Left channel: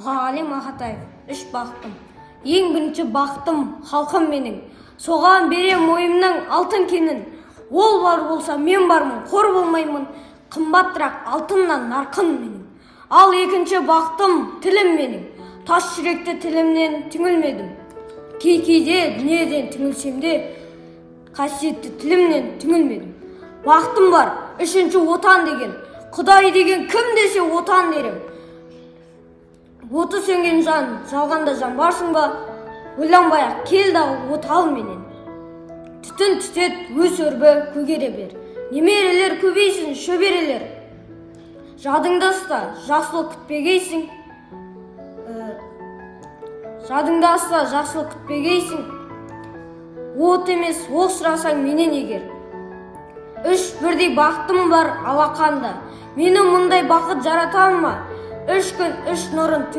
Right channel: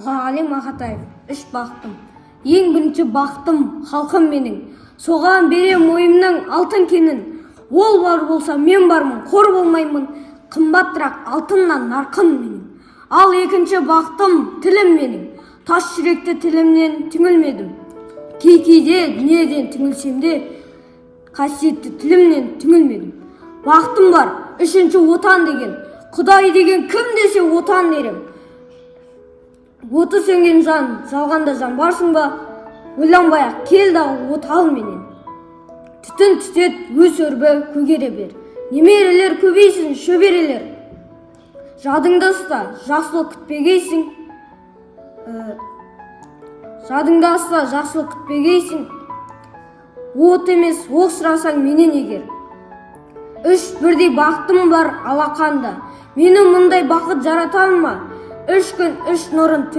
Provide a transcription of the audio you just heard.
Ғали Мақатаев, үш бақтым. Ең бірінші бақтым халқым менің. Соған берем ойымның алтын кенін. Ол бар болса мен бармын, қор болмаймын. Қымбаттырақ алтыннан нарқын менің. Ал екінші бақтым тілім менің. Тас жүректі тілімнен түңілмедім. Кейде дүниеден түңілсем де, қасиетті тілімнен түңілмедім. Бақтым бар, үшінші отан деген. Құдай деген кім десе отан дерем. Оты сөнген жан, жалғанда жан барсың ба? Ойланбай-ақ кел дағы от ал менен. Түтін түтет, өз өрбі көгере бер. Немерелер көбейсін, шөберелер. Жадыңда ұста, жақсылық күтпегейсің. Жадыңда ұста, жақсылық күтпегейсің. От емес, оқ сұрасаң менен егер. Үш бірдей бақытым бар алақанда. Мені мұндай бақыт жаратар ма? Үш күн, үш нұрын